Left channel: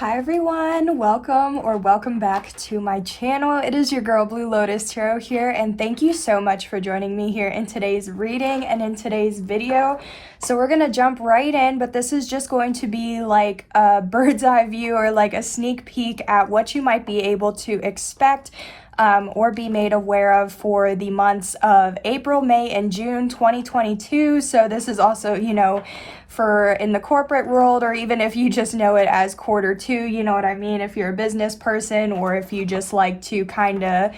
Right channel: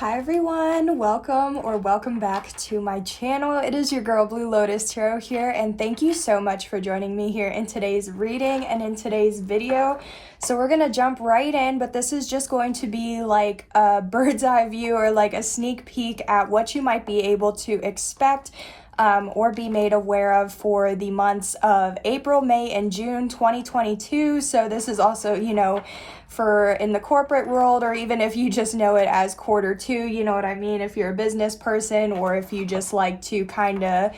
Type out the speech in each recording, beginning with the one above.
Hi everyone, welcome back to my channel. It is your girl Blue Lotus Tarot here, and thank you so much for joining me here in today's reading and in today's video. So we're gonna jump right in, but this is just going to be like a bird's eye view or like a sneak peek at what you might be able to expect or be made aware of for the months of April, May, and June 2022. So this is also, for in the corporate world, or even if you just know it as quarter two, you know what I mean? If you're a business person, or if you just like to kind of,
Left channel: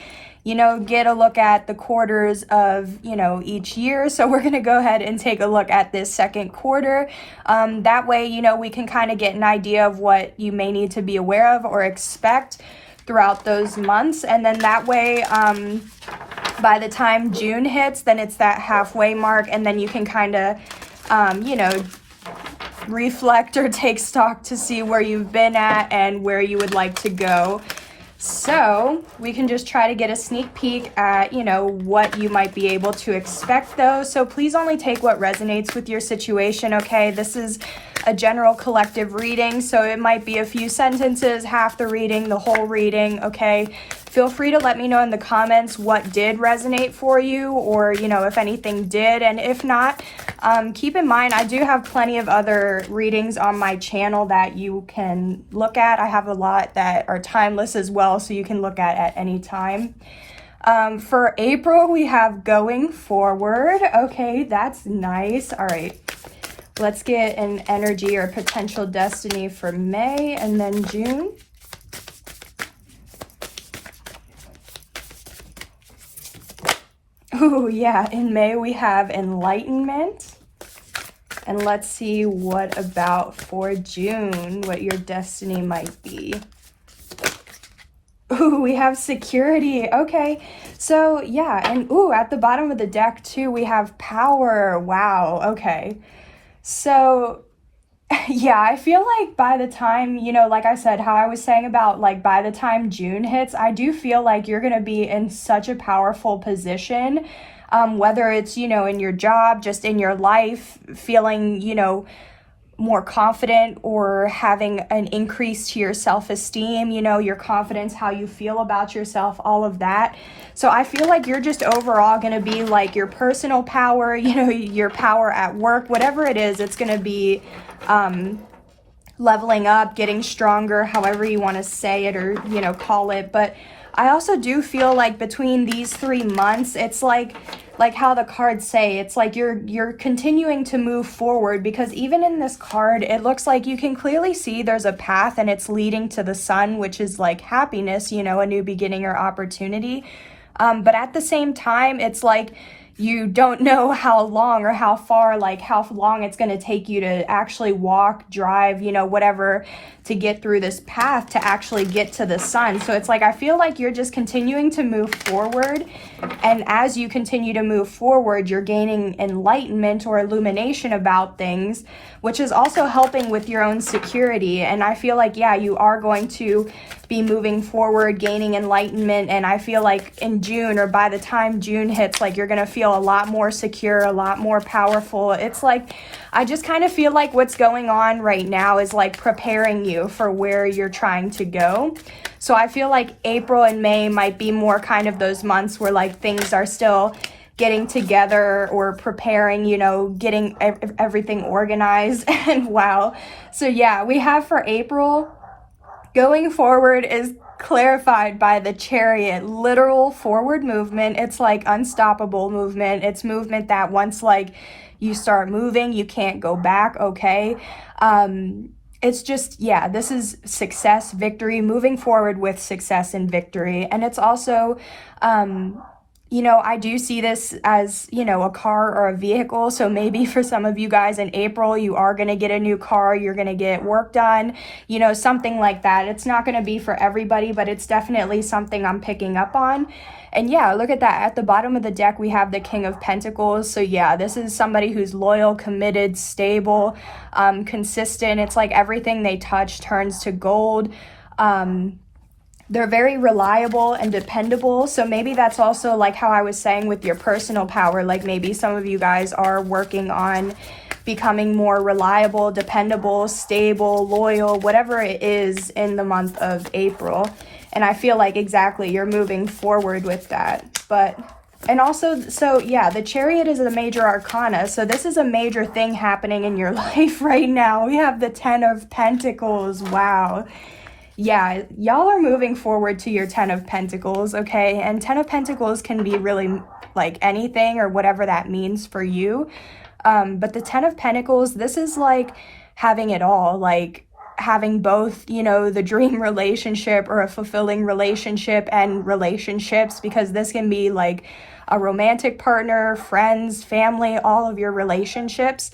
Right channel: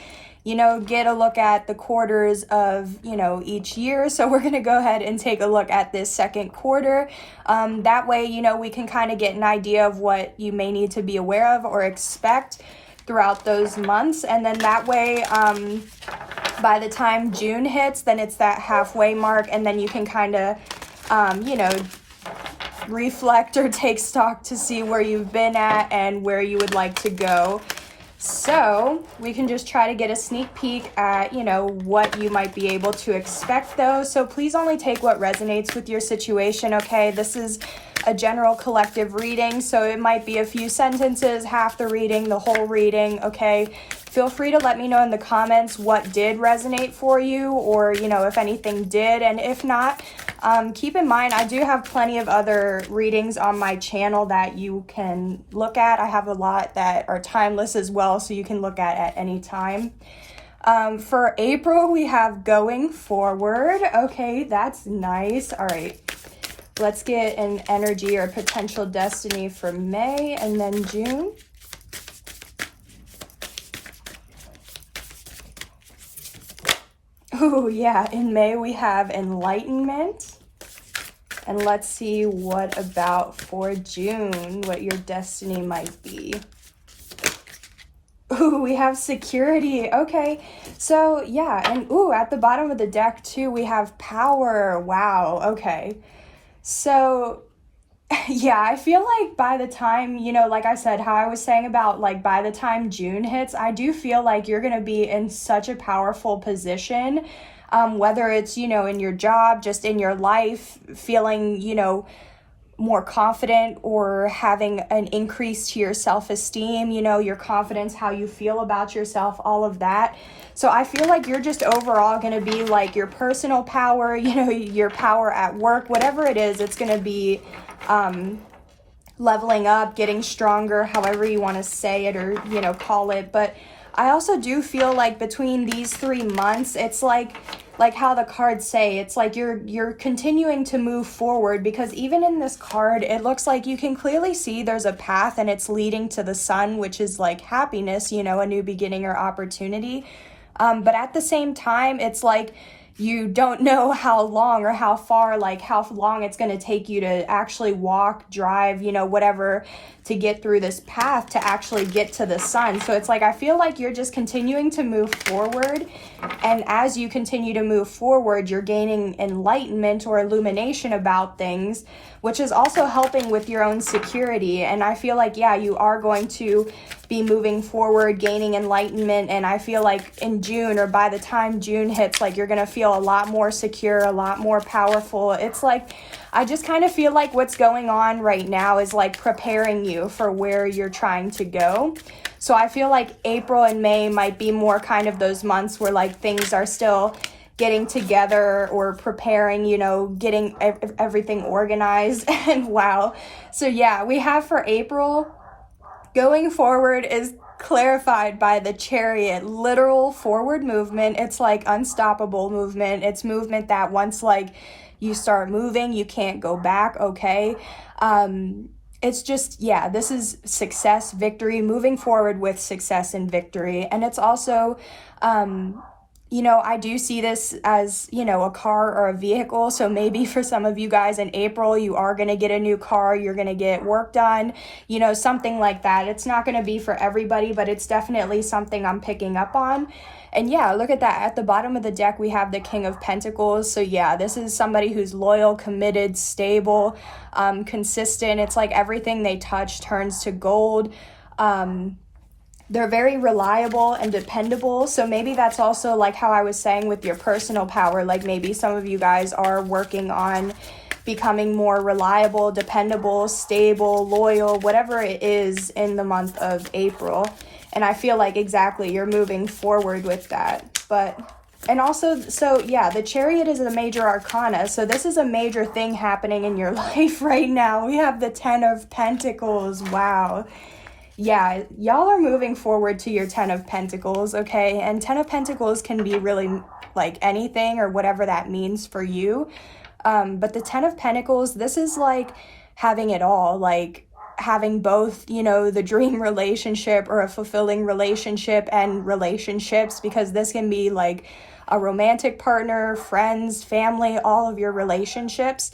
get a look at the quarters of, each year. So we're going to go ahead and take a look at this second quarter. That way, we can kind of get an idea of what you may need to be aware of or expect throughout those months. And then that way, by the time June hits, then it's that halfway mark, and then you can kind of, reflect or take stock to see where you've been at and where you would like to go. So we can just try to get a sneak peek at, what you might be able to expect though. So please only take what resonates with your situation, okay? This is a general collective reading, so it might be a few sentences, half the reading, the whole reading, okay? Feel free to let me know in the comments what did resonate for you, or, if anything did, and if not, keep in mind, I do have plenty of other readings on my channel that you can look at. I have a lot that are timeless as well, so you can look at any time. For April, we have going forward. Okay, that's nice. All right. Let's get an energy or potential destiny for May and then June. Oh yeah, in May we have enlightenment. And let's see what about for June, what your destiny might be. Ooh, we have security. Okay, so yeah, and at the bottom of the deck too, we have power. Wow, okay. So, yeah, I feel like by the time, like I said, how I was saying about like by the time June hits, I do feel like you're going to be in such a powerful position, whether it's, in your job, just in your life, feeling, more confident or having an increase to your self-esteem, your confidence, how you feel about yourself, all of that. So I feel like you're just overall going to be like your personal power, your power at work, whatever it is, it's going to be leveling up, getting stronger, however you want to say it or, call it. But I also do feel like between these 3 months, it's like how the cards say, it's like you're continuing to move forward, because even in this card, it looks like you can clearly see there's a path and it's leading to the sun, which is like happiness, a new beginning or opportunity. But at the same time, it's like you don't know how long or how far, like how long it's going to take you to actually walk, drive, whatever, to get through this path to actually get to the sun. So it's like I feel like you're just continuing to move forward, and as you continue to move forward, you're gaining enlightenment or illumination about things, which is also helping with your own security. And I feel like, yeah, you are going to be moving forward, gaining enlightenment, and I feel like in June, or by the time June hits, like you're going to feel a lot more secure, a lot more powerful. It's like I just kind of feel like what's going on right now is like preparing you for where you're trying to go. So I feel like April and May might be more kind of those months where like things are still getting together or preparing, getting everything organized. And wow. So yeah, we have for April, going forward is clarified by the Chariot, literal forward movement. It's like unstoppable movement. It's movement that once like you start moving, you can't go back, okay? It's just, yeah, this is success, victory, moving forward with success and victory. And it's also, I do see this as, a car or a vehicle. So maybe for some of you guys in April, you are going to get a new car, you're going to get work done, something like that. It's not going to be for everybody, but it's definitely something I'm picking up on. And yeah, look at that. At the bottom of the deck, we have the King of Pentacles. So yeah, this is somebody who's loyal, committed, stable, consistent. It's like everything they touch turns to gold. They're very reliable and dependable. So maybe that's also like how I was saying with your personal power. Like maybe some of you guys are working on becoming more reliable, dependable, stable, loyal, whatever it is in the month of April. And I feel like exactly you're moving forward with that. But, and also, so yeah, the Chariot is a major arcana. So this is a major thing happening in your life right now. We have the 10 of Pentacles. Wow. Yeah, y'all are moving forward to your 10 of Pentacles, okay? And 10 of Pentacles can be really like anything or whatever that means for you. But the 10 of Pentacles, this is like having it all, like having both, you know, the dream relationship or a fulfilling relationship and relationships, because this can be like a romantic partner, friends, family, all of your relationships.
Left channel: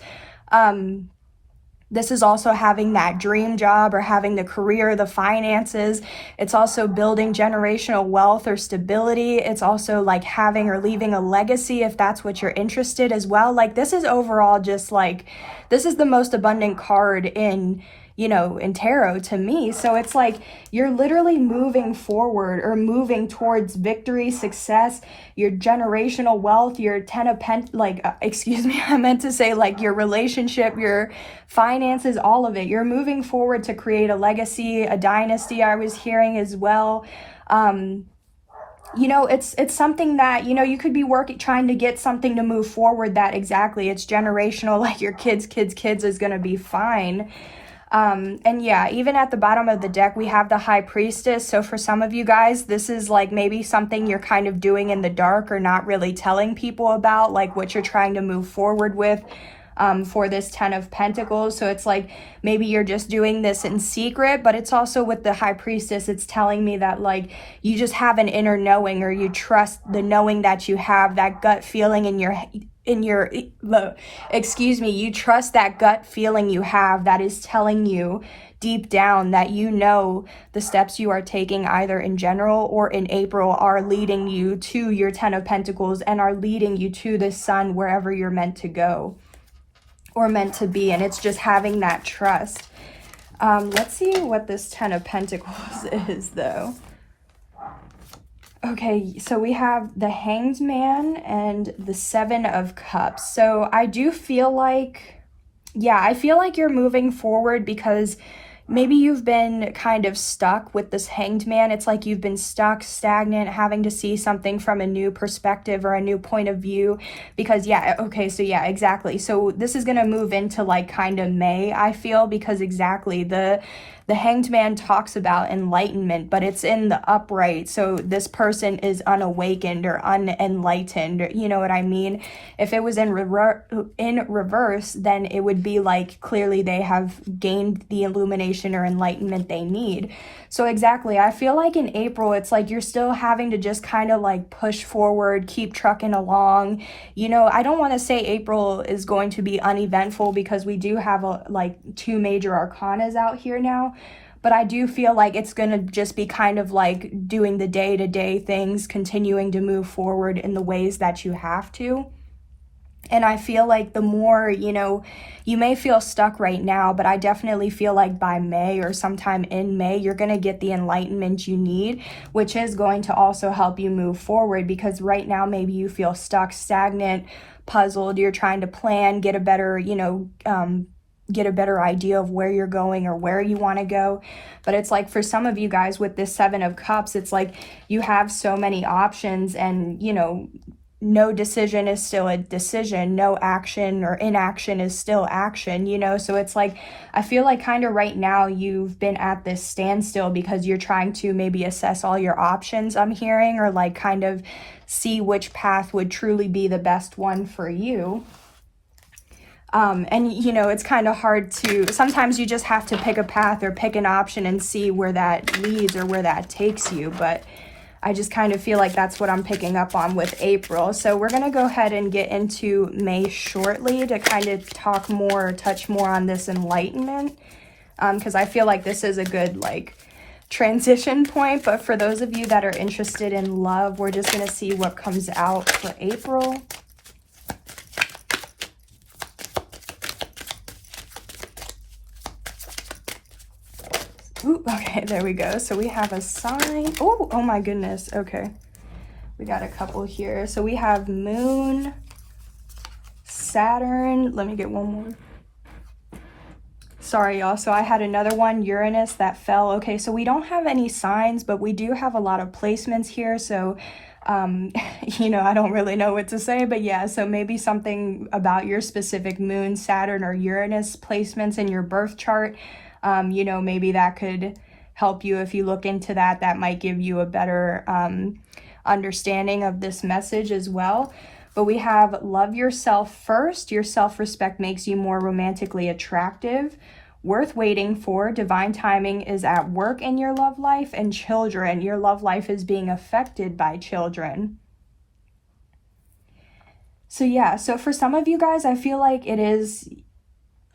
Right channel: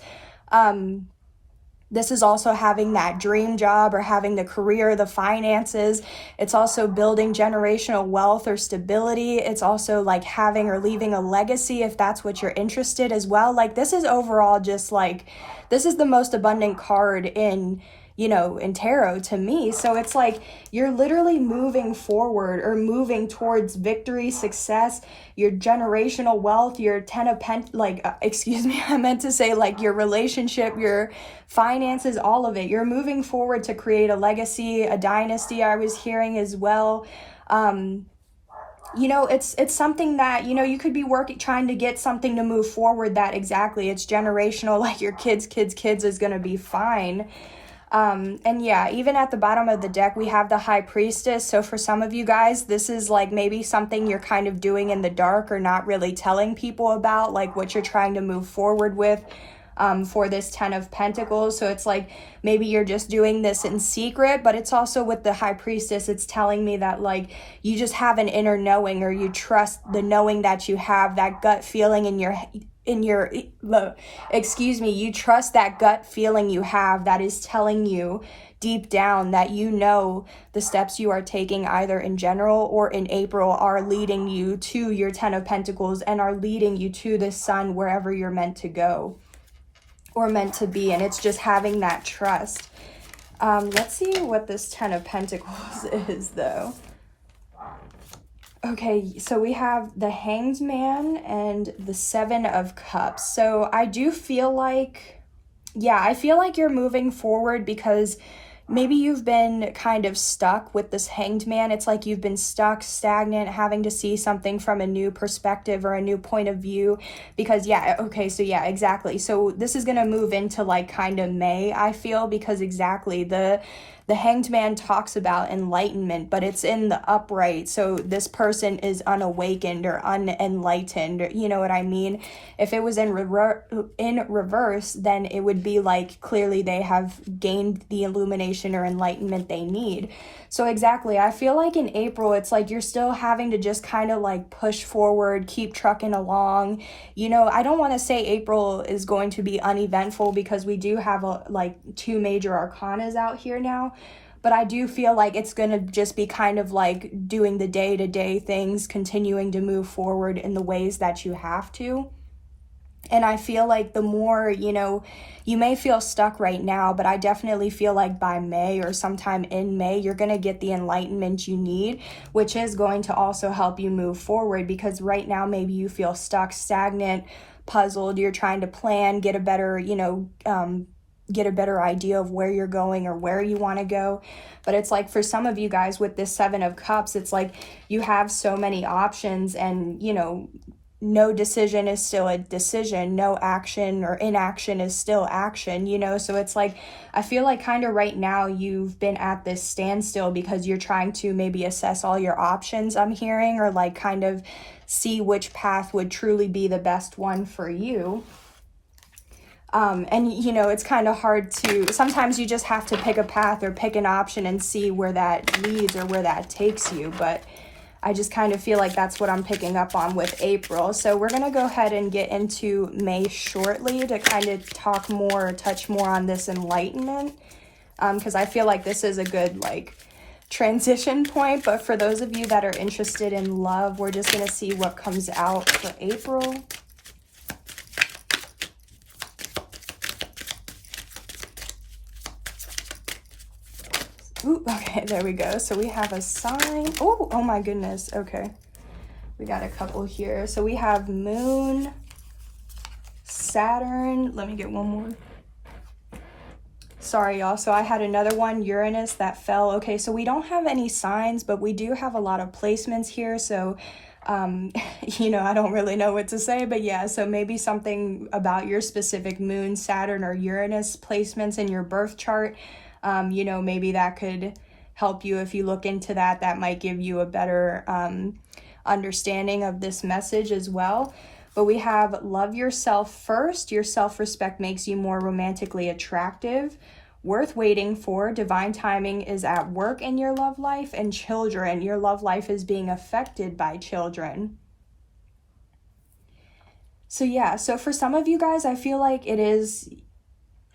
This is also having that dream job or having the career, the finances. It's also building generational wealth or stability. It's also like having or leaving a legacy if that's what you're interested as well. Like this is overall just like, this is the most abundant card in, you know, in tarot to me. So it's like you're literally moving forward or moving towards victory, success, your generational wealth, your 10 of excuse me, I meant to say like your relationship, your finances, all of it. You're moving forward to create a legacy, a dynasty, I was hearing as well. You know, it's something that, you know, you could be trying to get something to move forward that exactly it's generational, like your kids is going to be fine. And yeah, even at the bottom of the deck, we have the High Priestess. So for some of you guys, this is like maybe something you're kind of doing in the dark or not really telling people about, like what you're trying to move forward with. For this 10 of Pentacles. So it's like maybe you're just doing this in secret, but it's also with the High Priestess, it's telling me that like you just have an inner knowing, or you trust the knowing that you have, that gut feeling you trust that gut feeling you have that is telling you deep down that you know the steps you are taking either in general or in April are leading you to your 10 of Pentacles and are leading you to the sun wherever you're meant to go or meant to be. And it's just having that trust. Let's see what this 10 of Pentacles is though. Okay, so we have the Hanged Man and the 7 of Cups. So I do feel like, yeah, I feel like you're moving forward because maybe you've been kind of stuck with this Hanged Man. It's like you've been stuck, stagnant, having to see something from a new perspective or a new point of view. Because yeah, okay, so yeah, exactly. So this is going to move into like kind of May, I feel, because exactly the Hanged Man talks about enlightenment, but it's in the upright. So this person is unawakened or unenlightened. You know what I mean? If it was in reverse, then it would be like clearly they have gained the illumination or enlightenment they need. So exactly, I feel like in April, it's like you're still having to just kind of like push forward, keep trucking along. You know, I don't want to say April is going to be uneventful because we do have like 2 major arcanas out here now. But I do feel like it's going to just be kind of like doing the day-to-day things, continuing to move forward in the ways that you have to. And I feel like the more, you know, you may feel stuck right now, but I definitely feel like by May or sometime in May, you're going to get the enlightenment you need, which is going to also help you move forward, because right now maybe you feel stuck, stagnant, puzzled. You're trying to plan, get a better, you know, get a better idea of where you're going or where you want to go. But it's like for some of you guys with this 7 of Cups, it's like you have so many options, and, you know, no decision is still a decision. No action or inaction is still action, you know? So it's like, I feel like kind of right now you've been at this standstill because you're trying to maybe assess all your options, I'm hearing, or like kind of see which path would truly be the best one for you. And you know, it's kind of hard to, sometimes you just have to pick a path or pick an option and see where that leads or where that takes you. But I just kind of feel like that's what I'm picking up on with April. So we're going to go ahead and get into May shortly to kind of talk more, touch more on this enlightenment. Because I feel like this is a good like transition point. But for those of you that are interested in love, we're just going to see what comes out for April. Ooh, okay, there we go. So we have a sign. Oh my goodness. Okay. We got a couple here. So we have Moon, Saturn. Let me get one more. Sorry, y'all. So I had another one, Uranus, that fell. Okay, so we don't have any signs, but we do have a lot of placements here. So, you know, I don't really know what to say, but yeah, so maybe something about your specific Moon, Saturn, or Uranus placements in your birth chart. You know, maybe that could help you if you look into that. That might give you a better understanding of this message as well. But we have love yourself first. Your self-respect makes you more romantically attractive. Worth waiting for. Divine timing is at work in your love life. And children. Your love life is being affected by children. So yeah, so for some of you guys, I feel like it is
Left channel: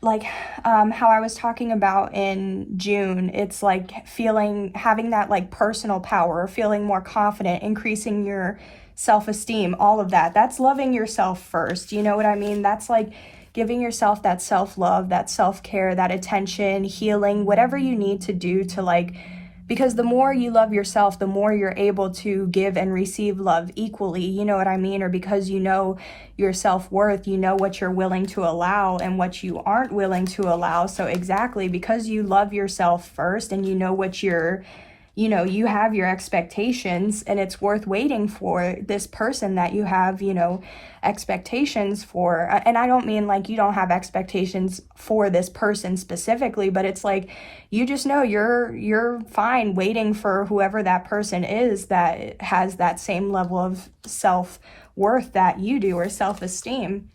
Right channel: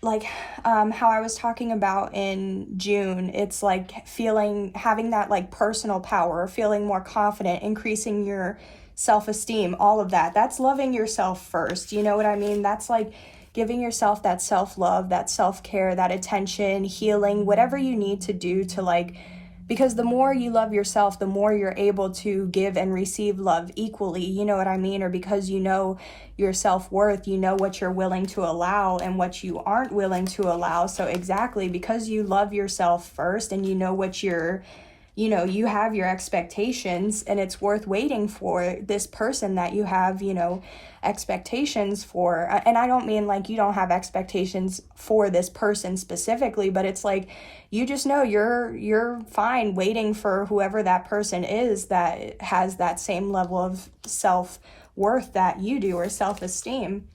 like how I was talking about in June. It's like having that like personal power, feeling more confident, increasing your self-esteem, all of that. That's loving yourself first. You know what I mean? That's like giving yourself that self-love, that self-care, that attention, healing, whatever you need to do to like, because the more you love yourself, the more you're able to give and receive love equally, you know what I mean? Or because you know your self-worth, you know what you're willing to allow and what you aren't willing to allow. So exactly, because you love yourself first and you know what you're, you know, you have your expectations, and it's worth waiting for this person that you have, you know, expectations for. And I don't mean like you don't have expectations for this person specifically, but it's like you just know you're fine waiting for whoever that person is that has that same level of self-worth that you do, or self-esteem.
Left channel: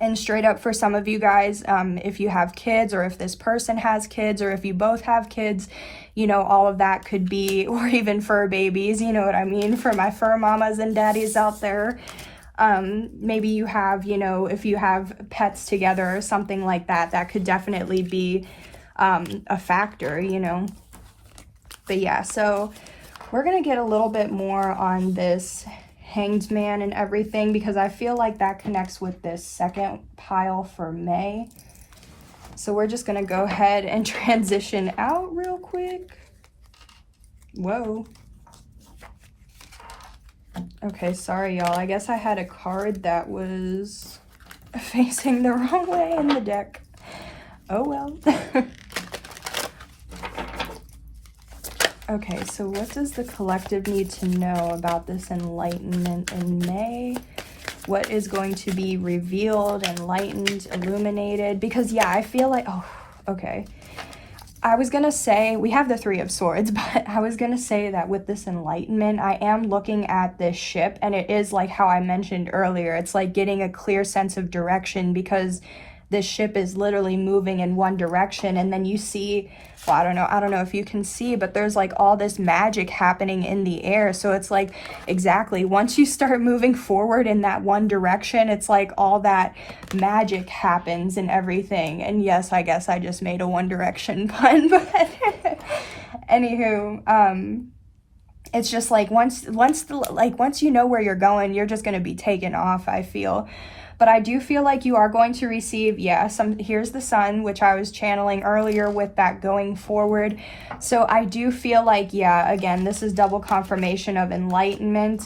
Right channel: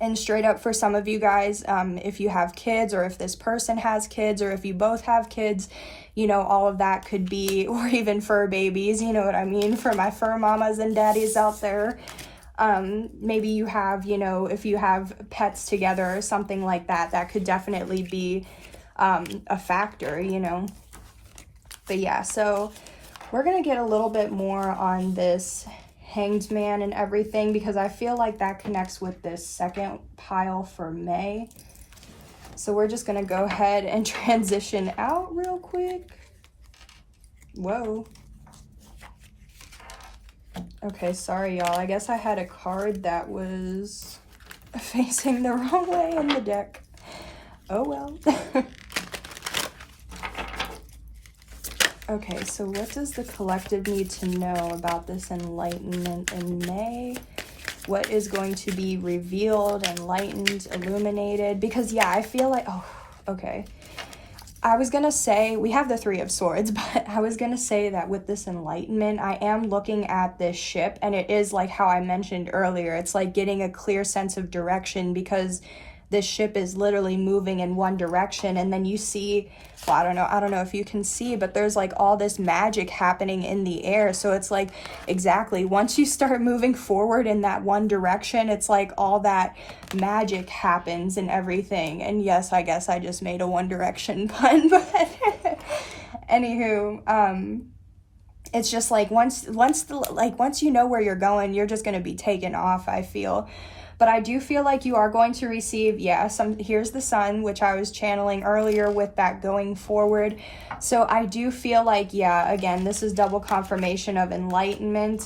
And straight up, for some of you guys, if you have kids, or if this person has kids, or if you both have kids, you know, all of that could be, or even fur babies, you know what I mean, for my fur mamas and daddies out there. Maybe you have, you know, if you have pets together or something like that, that could definitely be a factor, you know. But yeah, so we're going to get a little bit more on this Hanged Man and everything, because I feel like that connects with this second pile for May. So we're just going to go ahead and transition out real quick. Whoa. Okay, sorry y'all. I guess I had a card that was facing the wrong way in the deck. Oh well. Okay, so what does the collective need to know about this enlightenment in May? What is going to be revealed, enlightened, illuminated? Because yeah, I feel like, oh, okay. I was going to say, we have the Three of Swords, but I was going to say that with this enlightenment, I am looking at this ship, and it is like how I mentioned earlier. It's like getting a clear sense of direction, because this ship is literally moving in one direction, and then you see, well, I don't know if you can see, but there's like all this magic happening in the air. So it's like, exactly, once you start moving forward in that one direction, it's like all that magic happens and everything. And yes, I guess I just made a One Direction pun, but anywho, it's just like once you know where you're going, you're just going to be taken off, I feel. But I do feel like you are going to receive, yeah, here's the Sun, which I was channeling earlier with that going forward. So I do feel like, yeah, again, this is double confirmation of enlightenment.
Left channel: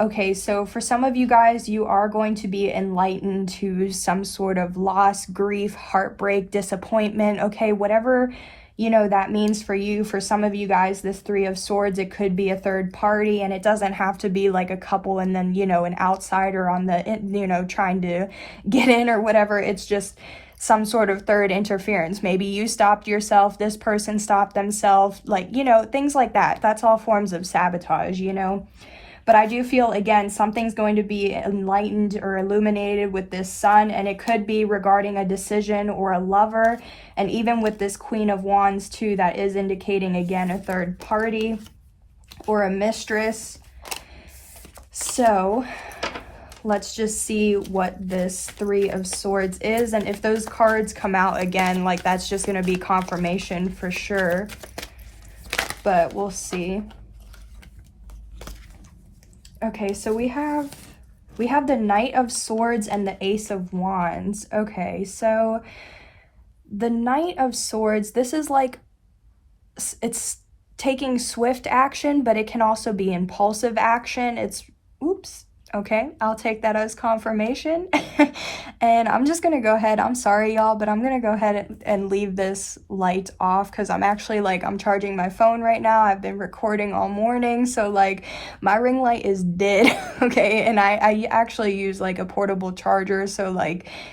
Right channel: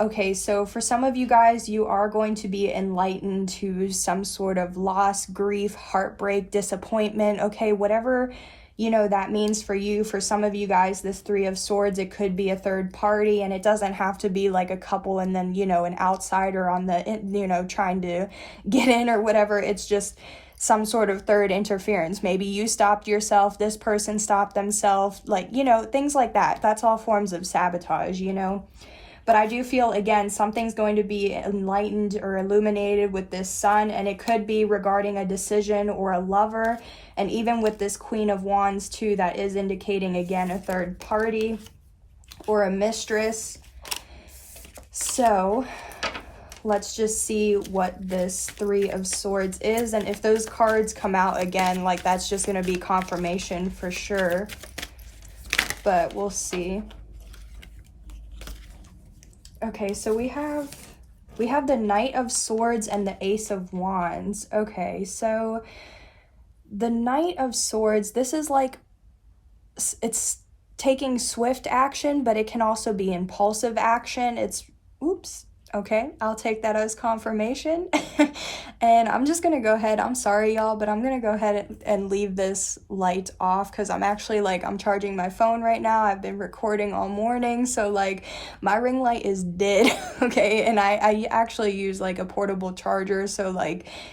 Okay, so for some of you guys, you are going to be enlightened to some sort of loss, grief, heartbreak, disappointment, okay, whatever, you know, that means for you. For some of you guys, this Three of Swords, it could be a third party, and it doesn't have to be like a couple and then, you know, an outsider on the, you know, trying to get in or whatever. It's just some sort of third interference. Maybe you stopped yourself, this person stopped themselves, like, you know, things like that. That's all forms of sabotage, you know. But I do feel, again, something's going to be enlightened or illuminated with this Sun, and it could be regarding a decision or a lover. And even with this Queen of Wands, too, that is indicating, again, a third party or a mistress. So let's just see what this Three of Swords is. And if those cards come out again, like, that's just going to be confirmation for sure. But we'll see. Okay, so we have the Knight of Swords and the Ace of Wands. Okay, so the Knight of Swords, this is like it's taking swift action, but it can also be impulsive action. Oops. Okay, I'll take that as confirmation. And I'm just gonna go ahead, I'm sorry y'all, but I'm gonna go ahead and leave this light off because I'm actually I'm charging my phone right now. I've been recording all morning, so my ring light is dead. Okay, and I actually use a portable charger, so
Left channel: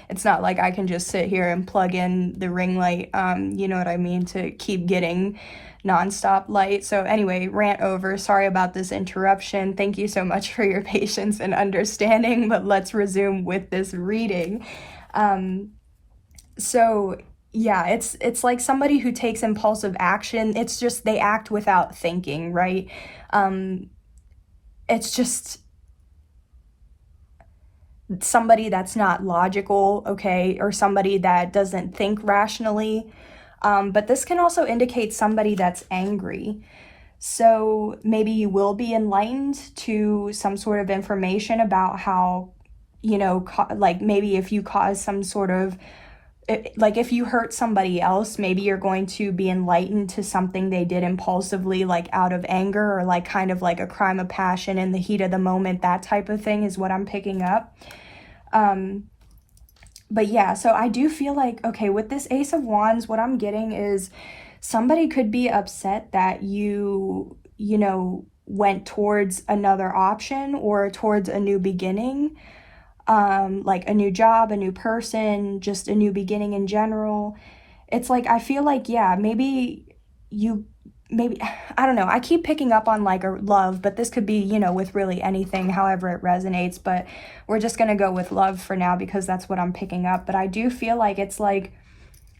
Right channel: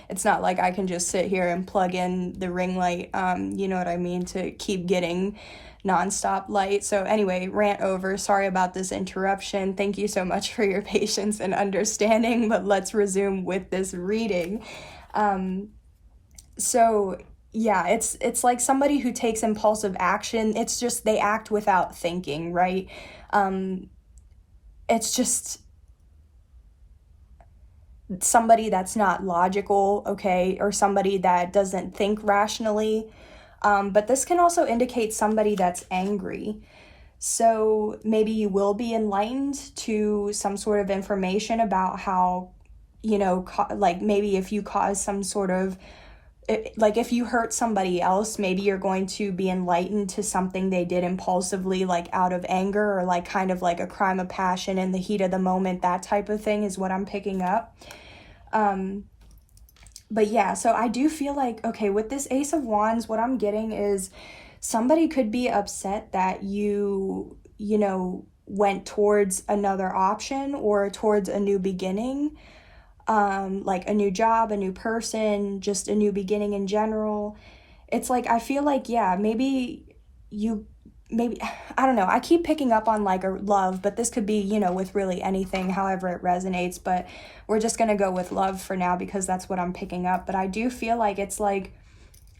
it's not like I can just sit here and plug in the ring light, you know what I mean, to keep getting nonstop light. So anyway, rant over. Sorry about this interruption. Thank you so much for your patience and understanding, but let's resume with this reading. So yeah, it's like somebody who takes impulsive action. It's just they act without thinking, right? It's just somebody that's not logical, okay, or somebody that doesn't think rationally. But this can also indicate somebody that's angry. So maybe you will be enlightened to some sort of information about how, maybe if you cause some sort of, if you hurt somebody else, maybe you're going to be enlightened to something they did impulsively, out of anger, or kind of a crime of passion in the heat of the moment. That type of thing is what I'm picking up. But yeah, so I do feel okay, with this Ace of Wands, what I'm getting is somebody could be upset that you went towards another option or towards a new beginning, a new job, a new person, just a new beginning in general. It's I feel yeah, maybe, I don't know, I keep picking up on a love, but this could be, with really anything, however it resonates, but we're just gonna go with love for now because that's what I'm picking up. But I do feel it's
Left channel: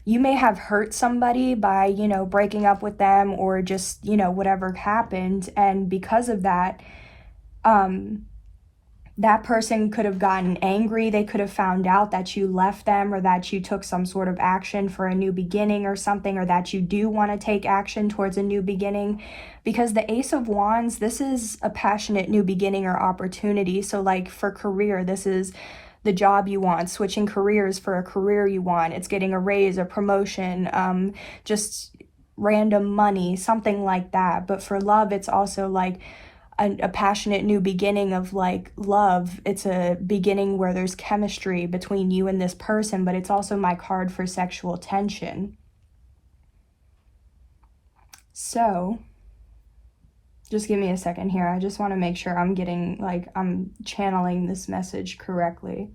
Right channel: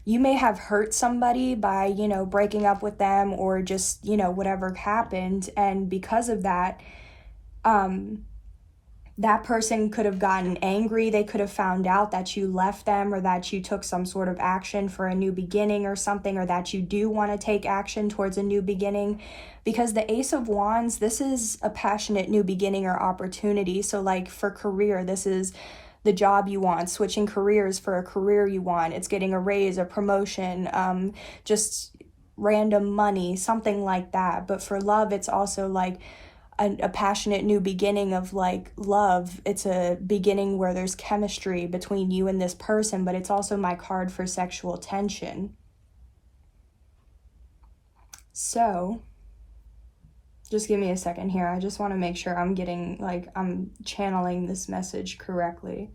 you may have hurt somebody by, breaking up with them or just, whatever happened, and because of that, that person could have gotten angry. They could have found out that you left them or that you took some sort of action for a new beginning or something, or that you do want to take action towards a new beginning. Because the Ace of Wands, this is a passionate new beginning or opportunity. So for career, this is the job you want, switching careers for a career you want. It's getting a raise, a promotion, just random money, something like that. But for love, it's also a passionate new beginning of love. It's a beginning where there's chemistry between you and this person, but it's also my card for sexual tension. So just give me a second here. I just want to make sure I'm getting I'm channeling this message correctly.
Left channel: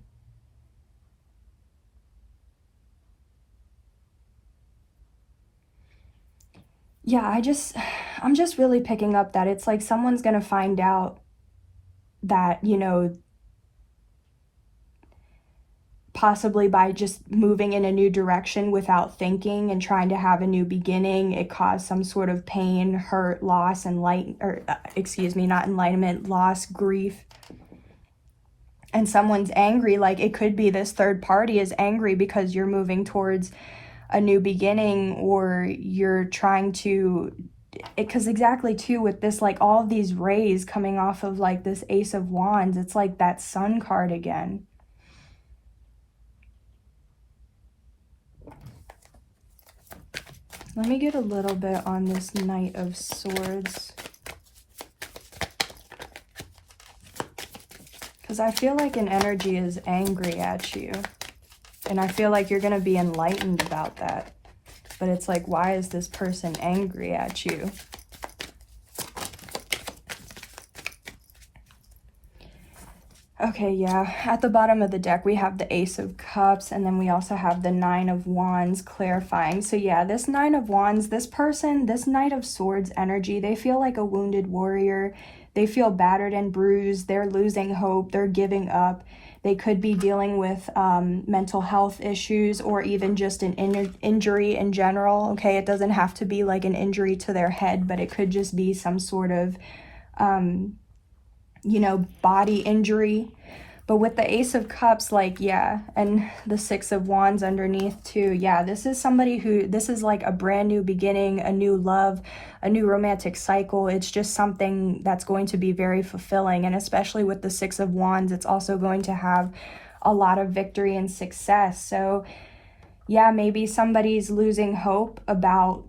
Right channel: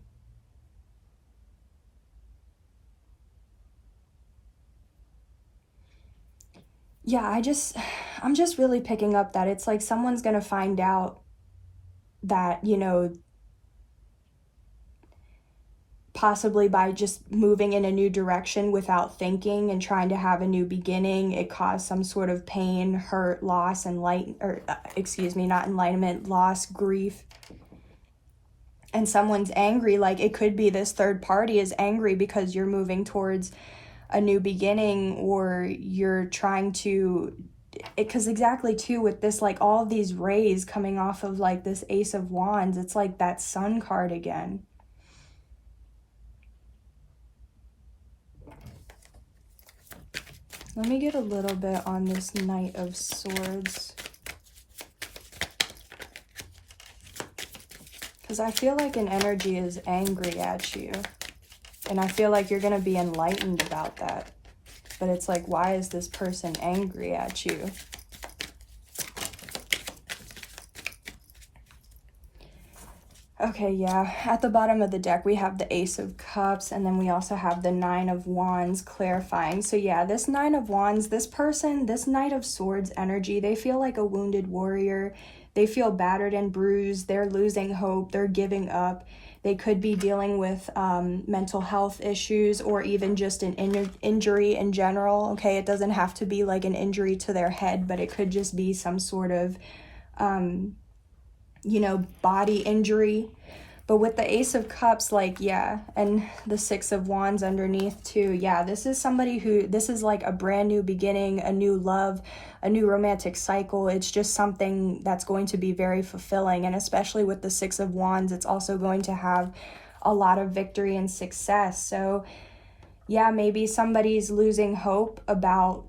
Yeah, I'm just really picking up that it's someone's gonna find out that, possibly by just moving in a new direction without thinking and trying to have a new beginning, it caused some sort of pain, hurt, loss, not enlightenment, loss, grief. And someone's angry. It could be this third party is angry because you're moving towards a new beginning, or you're trying to, because exactly too with this all of these rays coming off of this Ace of Wands, it's that Sun card again. Let me get a little bit on this Knight of Swords, because I feel an energy is angry at you, and I feel you're going to be enlightened about that. But it's why is this person angry at you? Okay, yeah. At the bottom of the deck, we have the Ace of Cups, and then we also have the Nine of Wands clarifying. So yeah, this Nine of Wands, this person, this Knight of Swords energy, they feel like a wounded warrior. They feel battered and bruised. They're losing hope. They're giving up. They could be dealing with mental health issues, or even just an injury in general. Okay, it doesn't have to be an injury to their head, but it could just be some sort of, body injury. But with the Ace of Cups, yeah, and the Six of Wands underneath too, yeah, this is somebody who, this is a brand new beginning, a new love, a new romantic cycle. It's just something that's going to be very fulfilling. And especially with the Six of Wands, it's also going to have a lot of victory and success. So yeah, maybe somebody's losing hope about,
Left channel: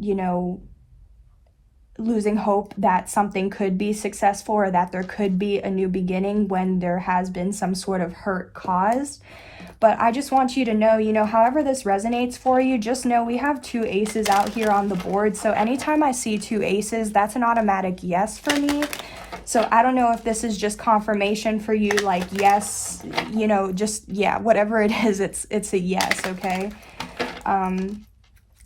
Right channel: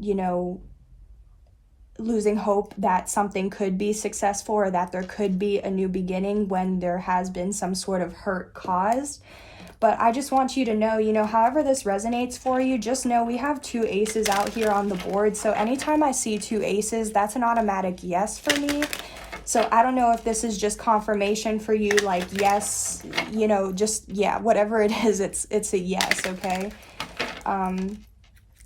losing hope that something could be successful or that there could be a new beginning when there has been some sort of hurt caused. But I just want you to know, however this resonates for you, just know we have 2 aces out here on the board. So anytime I see 2 aces, that's an automatic yes for me. So I don't know if this is just confirmation for you, like yes, whatever it is, it's a yes, okay?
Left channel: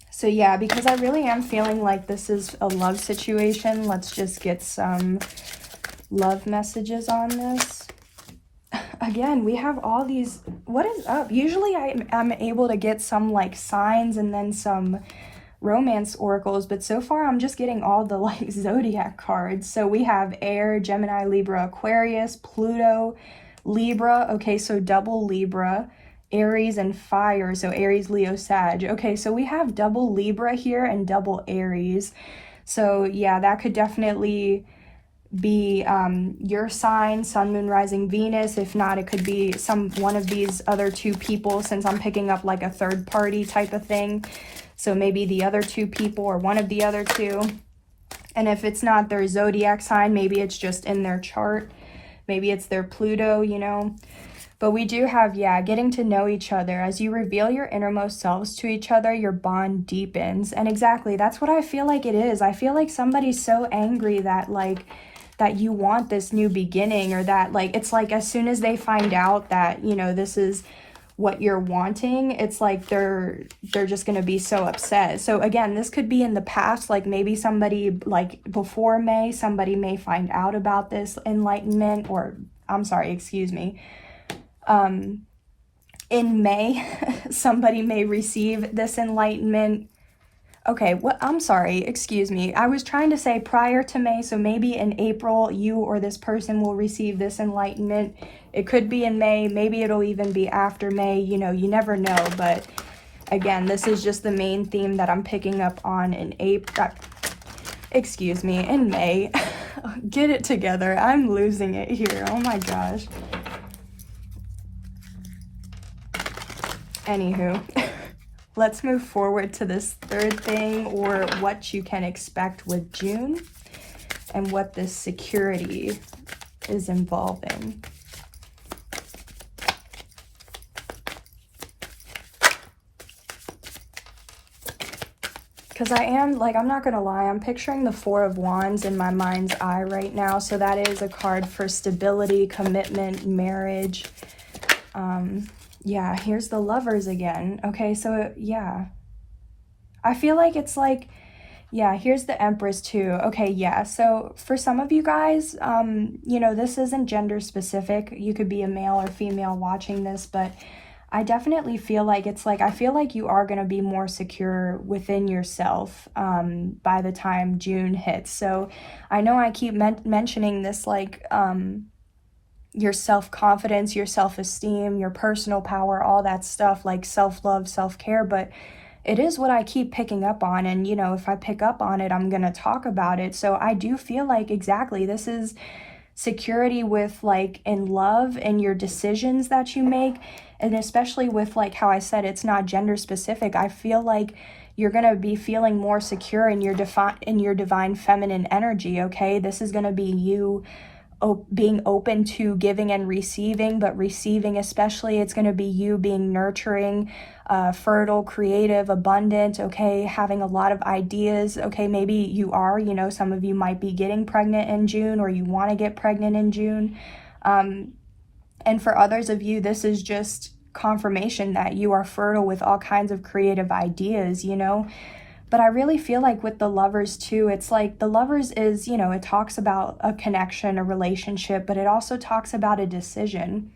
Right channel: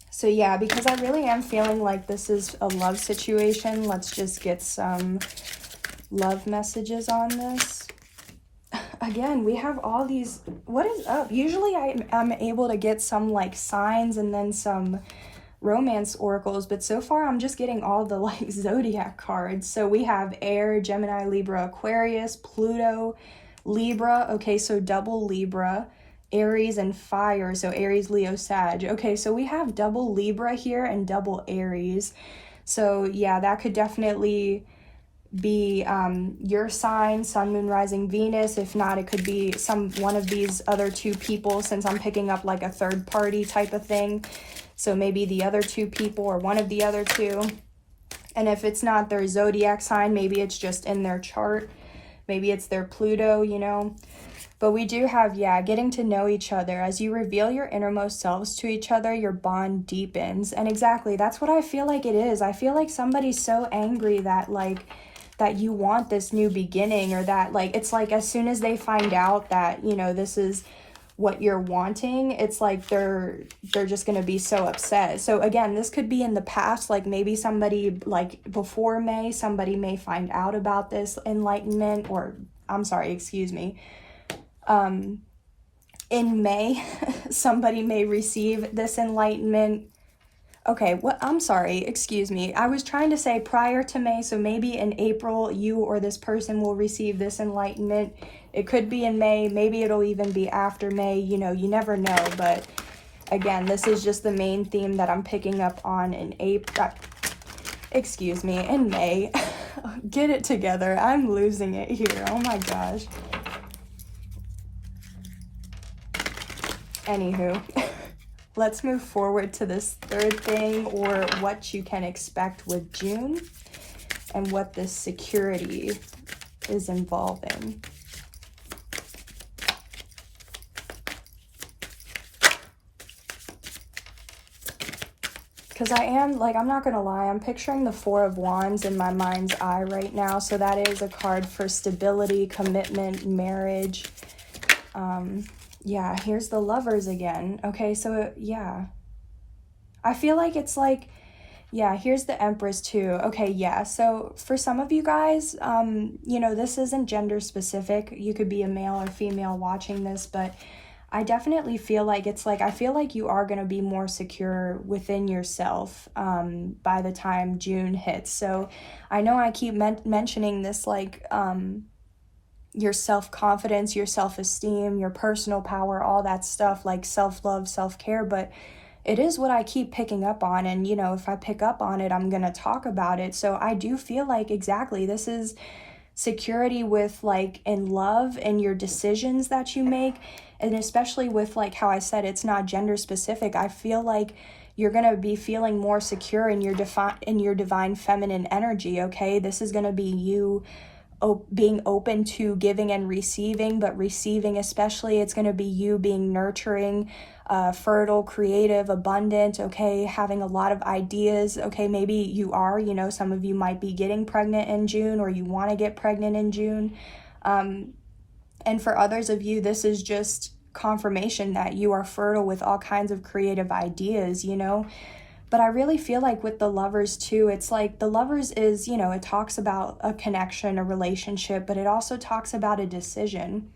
So yeah, because I really am feeling like this is a love situation. Let's just get some love messages on this. Again, we have all these, what is up? Usually I'm able to get some like signs and then some romance oracles, but so far I'm just getting all the like zodiac cards. So we have air, Gemini, Libra, Aquarius, Pluto, Libra. Okay, so double Libra, Aries, and fire. So Aries, Leo, Sag. Okay, so we have double Libra here and double Aries. So yeah, that could definitely be your sign, sun, moon, rising, Venus. If not, it could be one of these other 2 people, since I'm picking up like a third party type of thing. So maybe the other 2 people or one of the other 2. And if it's not their zodiac sign, maybe it's just in their chart. Maybe it's their Pluto, But we do have, getting to know each other. As you reveal your innermost selves to each other, your bond deepens. And exactly, that's what I feel like it is. I feel like somebody's so angry that that you want this new beginning, or that it's like as soon as they find out that, this is what you're wanting, it's like they're just going to be so upset. So again, this could be in the past, like maybe somebody like before May, somebody may find out about this enlightenment, or I'm sorry, excuse me. In May, somebody may receive this enlightenment. Okay, I'm sorry, excuse me. I was trying to say prior to May, so maybe in April, you or this person will receive this enlightenment. It could be in May, maybe it'll even be after May, you never know. But again, this is just the main theme that I'm picking up on in in May. Get it together, I'm losing it here, oh my gosh. Anywho. Let's move forward to this third thing, or what you can expect with June and what this security is involving. Because I'm not going to lie, I'm picturing the 4 of Wands in my mind's eye right now. So that is a card for stability, commitment, marriage. Yeah, here's the Lovers again. Okay, so yeah. I feel like it's like, yeah, here's the Empress too. Okay, yeah, so for some of you guys, this isn't gender specific. You could be a male or female watching this, but I definitely feel like it's like, I feel like you are going to be more secure within yourself by the time June hits. So I know I keep mentioning this, like, your self-confidence, your self-esteem, your personal power, all that stuff, like self-love, self-care, but it is what I keep picking up on. And, if I pick up on it, I'm going to talk about it. So I do feel like exactly this is security with like in love and your decisions that you make. And especially with like how I said, it's not gender specific. I feel like you're going to be feeling more secure in your divine feminine energy. Okay. This is going to be you being open to giving and receiving, but receiving especially, it's going to be you being nurturing, fertile, creative, abundant, okay, having a lot of ideas. Okay, maybe you are, some of you might be getting pregnant in June, or you want to get pregnant in June. And for others of you, this is just confirmation that you are fertile with all kinds of creative ideas, But I really feel like with the Lovers too, it's like the Lovers is, it talks about a connection, a relationship, but it also talks about a decision.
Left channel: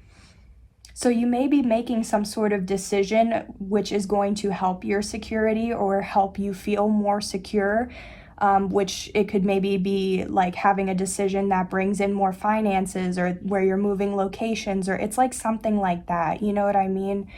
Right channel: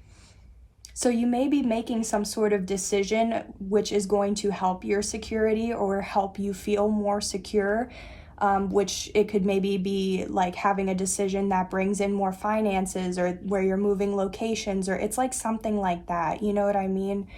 So you may be making some sort of decision which is going to help your security or help you feel more secure, which it could maybe be like having a decision that brings in more finances, or where you're moving locations, or it's like something like that, you know what I mean?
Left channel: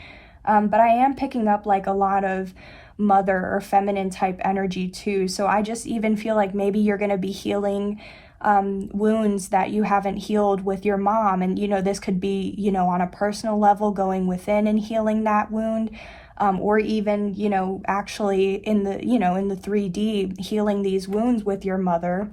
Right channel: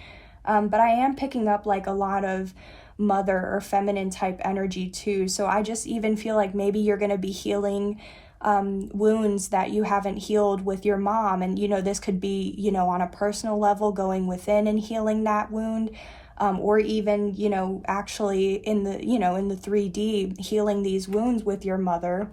But I am picking up like a lot of mother or feminine type energy too. So I just even feel like maybe you're going to be healing wounds that you haven't healed with your mom. And, this could be, on a personal level, going within and healing that wound. or even, you know, actually in the, you know, in the 3D, healing these wounds with your mother,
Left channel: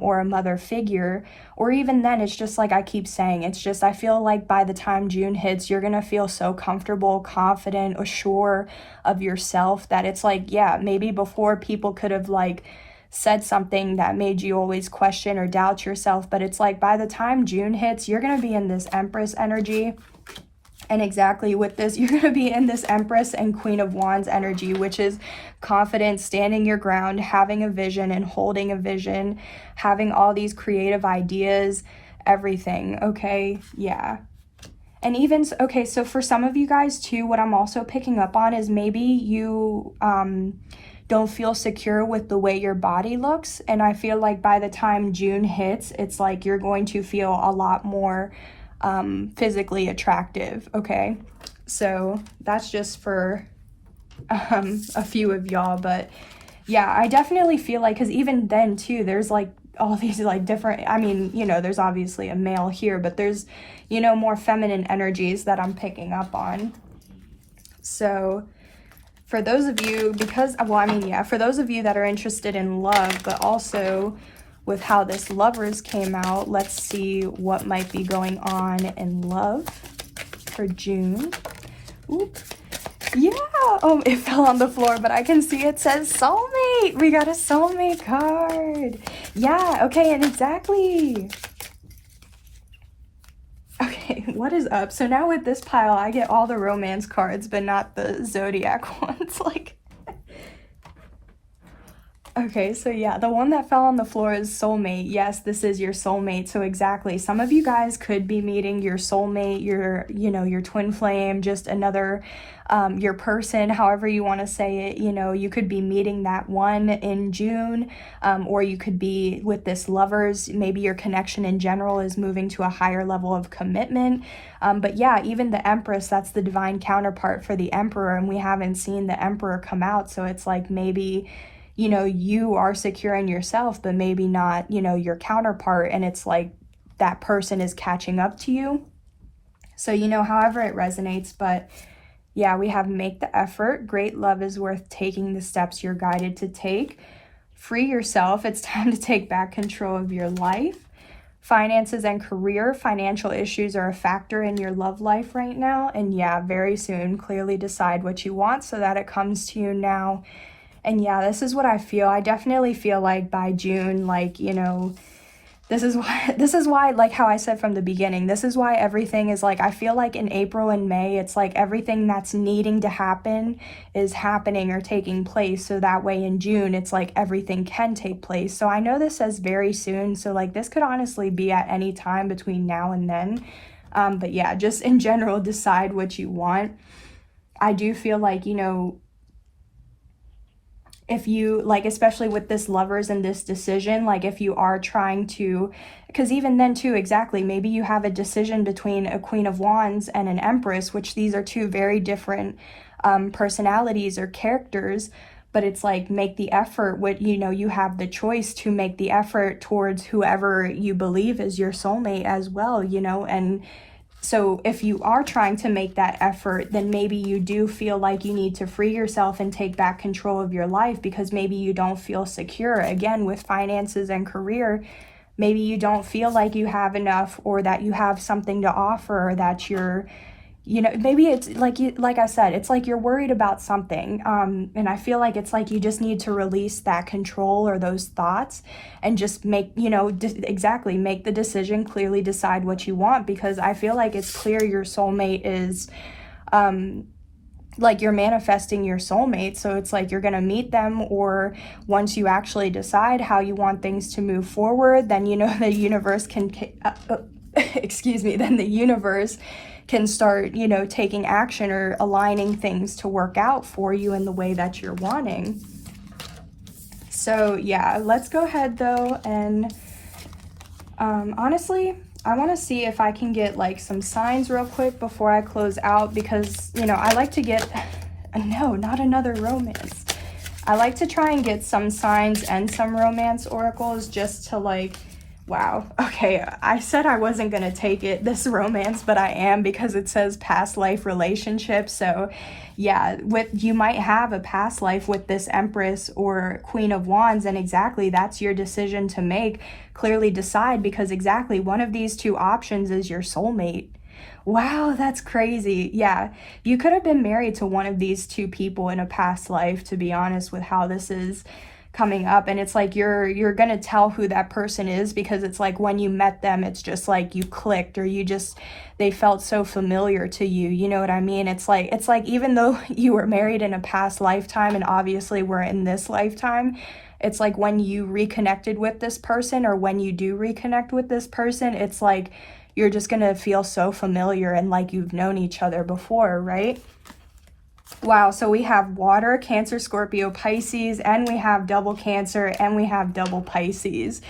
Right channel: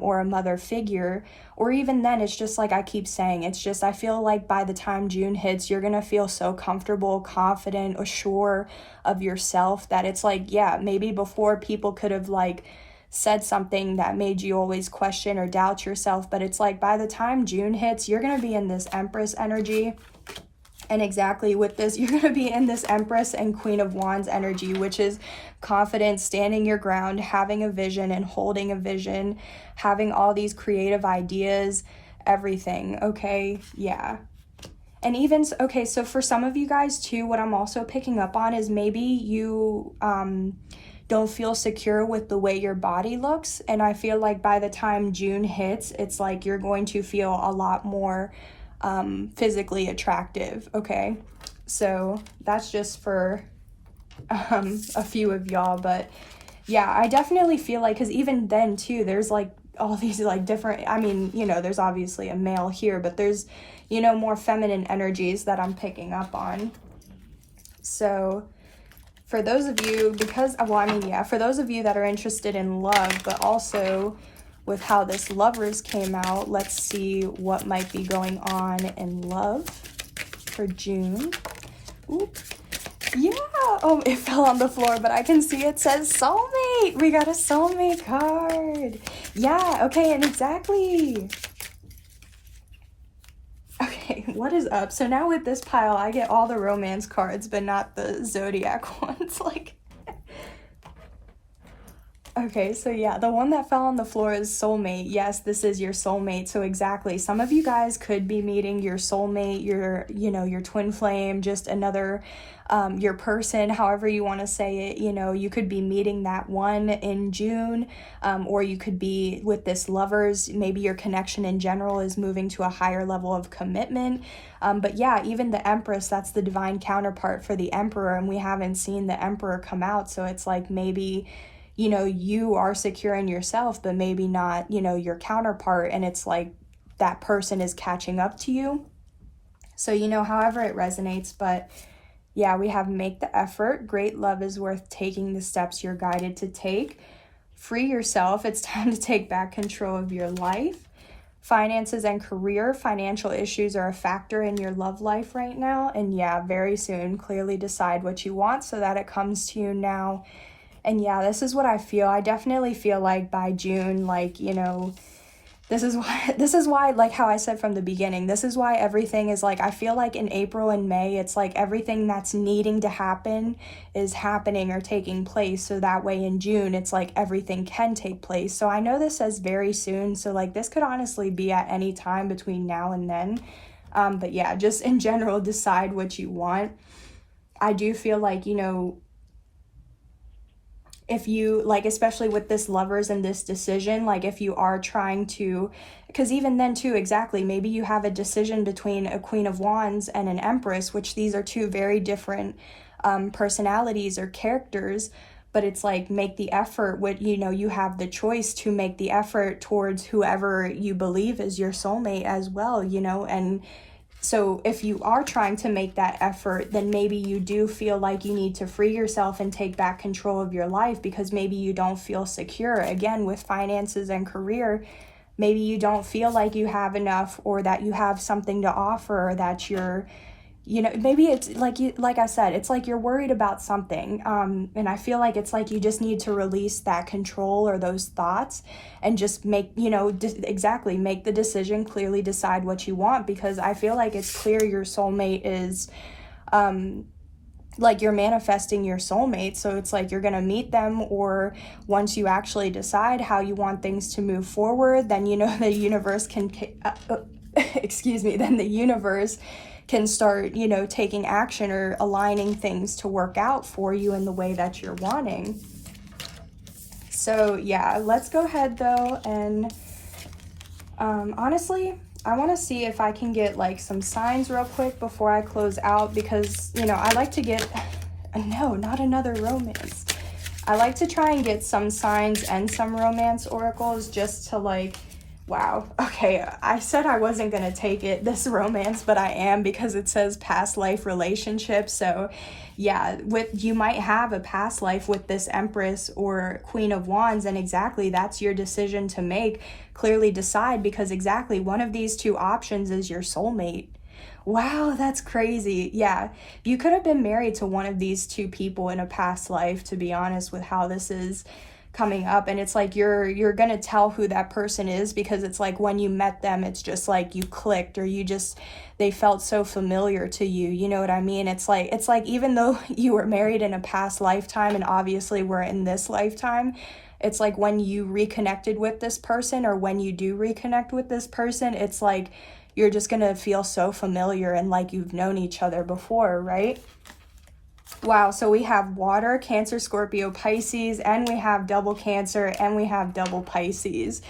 or a mother figure. Or even then, it's just like I keep saying, it's just, I feel like by the time June hits, you're gonna feel so comfortable, confident, assured of yourself that it's like, yeah, maybe before people could have like said something that made you always question or doubt yourself, but it's like by the time June hits, you're gonna be in this Empress energy. And exactly with this, you're going to be in this Empress and Queen of Wands energy, which is confidence, standing your ground, having a vision and holding a vision, having all these creative ideas, everything, okay? Yeah. And even, okay, so for some of you guys too, what I'm also picking up on is maybe you don't feel secure with the way your body looks. And I feel like by the time June hits, it's like you're going to feel a lot more physically attractive, okay? So that's just for a few of y'all, but yeah, I definitely feel like, because even then too, there's like all these like different, I mean, you know, there's obviously a male here, but there's, you know, more feminine energies that I'm picking up on. So for those of you, because, well, I mean, yeah, for those of you that are interested in love, but also with how this Lovers came out, let's see what might be going on in love for June. Ooh. Yeah, oh, it fell on the floor, but I can see it says soulmate. We got a soulmate card. Yeah, okay, and exactly. Okay, what is up? So now with this pile, I get all the romance cards, but not the zodiac ones. Like, okay, so yeah, the one that fell on the floor is soulmate. Yes, this is your soulmate. So exactly, some of you guys could be meeting your soulmate, your, you know, your twin flame, just another, your person, however you want to say it. You know, you could be meeting that one in June, or you could be with this Lovers. Maybe your connection in general is moving to a higher level of commitment. But yeah, even the Empress, that's the divine counterpart for the Emperor, and we haven't seen the Emperor come out. So it's like maybe, you know, you are secure in yourself, but maybe not, you know, your counterpart, and it's like that person is catching up to you. So, you know, however it resonates, but yeah, we have make the effort. Great love is worth taking the steps you're guided to take. Free yourself. It's time to take back control of your life. Finances and career. Financial issues are a factor in your love life right now. And yeah, very soon, clearly decide what you want so that it comes to you now. And yeah, this is what I feel. I definitely feel like by June, like, you know, this is why, like how I said from the beginning, this is why everything is like, I feel like in April and May, it's like everything that's needing to happen is happening or taking place. So that way in June, it's like everything can take place. So I know this says very soon. So like this could honestly be at any time between now and then. But yeah, just in general, decide what you want. I do feel like, you know, if you, like, especially with this Lovers and this decision, like if you are trying to, because even then too, exactly, maybe you have a decision between a Queen of Wands and an Empress, which these are two very different personalities or characters, but it's like make the effort with, you know, you have the choice to make the effort towards whoever you believe is your soulmate as well, you know. And so if you are trying to make that effort, then maybe you do feel like you need to free yourself and take back control of your life, because maybe you don't feel secure. Again, with finances and career, maybe you don't feel like you have enough, or that you have something to offer, or that you're, you know, maybe it's like like I said, it's like you're worried about something. And I feel like it's like you just need to release that control or those thoughts and just make, you know, exactly, make the decision, clearly decide what you want, because I feel like it's clear your soulmate is, like you're manifesting your soulmate. So it's like you're going to meet them, or once you actually decide how you want things to move forward, then, you know, the universe can, excuse me, then the universe can start, you know, taking action or aligning things to work out for you in the way that you're wanting. So yeah, let's go ahead though, and honestly, I want to see if I can get like some signs real quick before I close out, because, you know, I like to get, no, not another romance. I like to try and get some signs and some romance oracles, just to like Wow. Okay, I said I wasn't going to take this romance, but I am, because it says past life relationship. So, yeah, you might have a past life with this Empress or Queen of Wands, and exactly that's your decision to make. Clearly decide, because exactly one of these two options is your soulmate. Wow, that's crazy. Yeah, you could have been married to one of these two people in a past life, to be honest, with how this is coming up. And it's like you're gonna tell who that person is, because it's like when you met them, it's just like you clicked, or they felt so familiar to you, you know what I mean? It's like even though you were married in a past lifetime, and obviously we're in this lifetime, it's like when you reconnected with this person, or when you do reconnect with this person, it's like you're just gonna feel so familiar and like you've known each other before, right? Wow, so we have water, Cancer, Scorpio, Pisces, and we have double Cancer, and we have double Pisces.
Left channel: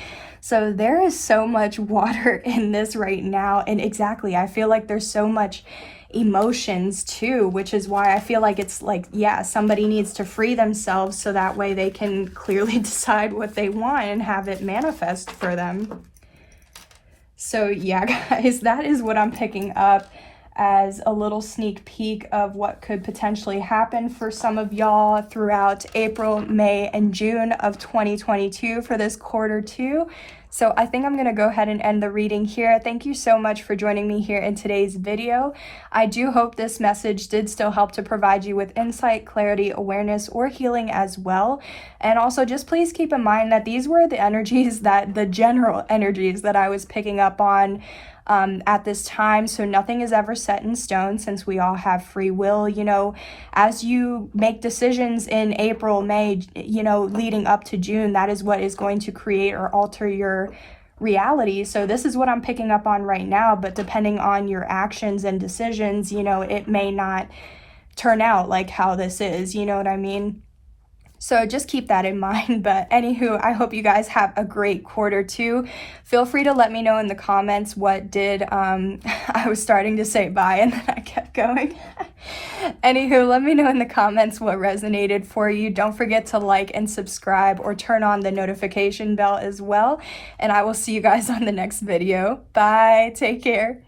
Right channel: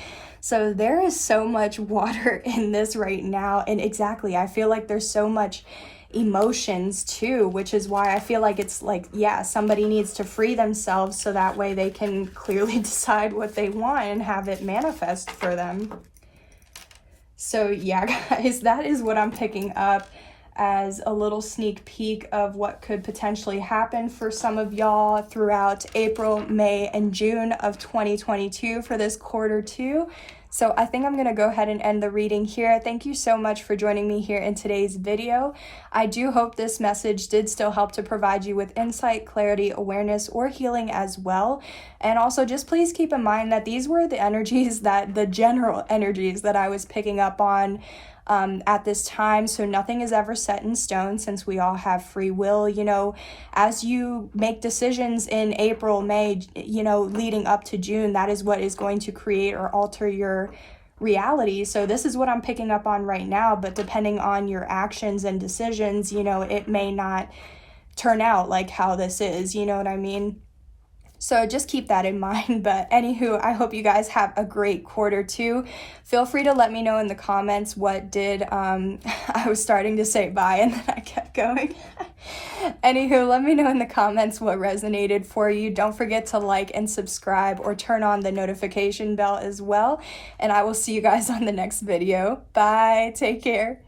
So there is so much water in this right now. And exactly, I feel like there's so much emotions too, which is why I feel like it's like, yeah, somebody needs to free themselves so that way they can clearly decide what they want and have it manifest for them. So yeah, guys, that is what I'm picking up as a little sneak peek of what could potentially happen for some of y'all throughout April, May, and June of 2022 for this quarter two. So I think I'm going to go ahead and end the reading here. Thank you so much for joining me here in today's video. I do hope this message did still help to provide you with insight, clarity, awareness, or healing as well. And also just please keep in mind that these were the general energies that I was picking up on at this time. So nothing is ever set in stone, since we all have free will. You know, as you make decisions in April, May, you know, leading up to June, that is what is going to create or alter your reality. So this is what I'm picking up on right now, but depending on your actions and decisions, you know, it may not turn out like how this is, you know what I mean? So just keep that in mind. But anywho, I hope you guys have a great quarter two. Feel free to let me know in the comments what did, I was starting to say bye and then I kept going. Anywho, let me know in the comments what resonated for you. Don't forget to like and subscribe, or turn on the notification bell as well. And I will see you guys on the next video. Bye. Take care.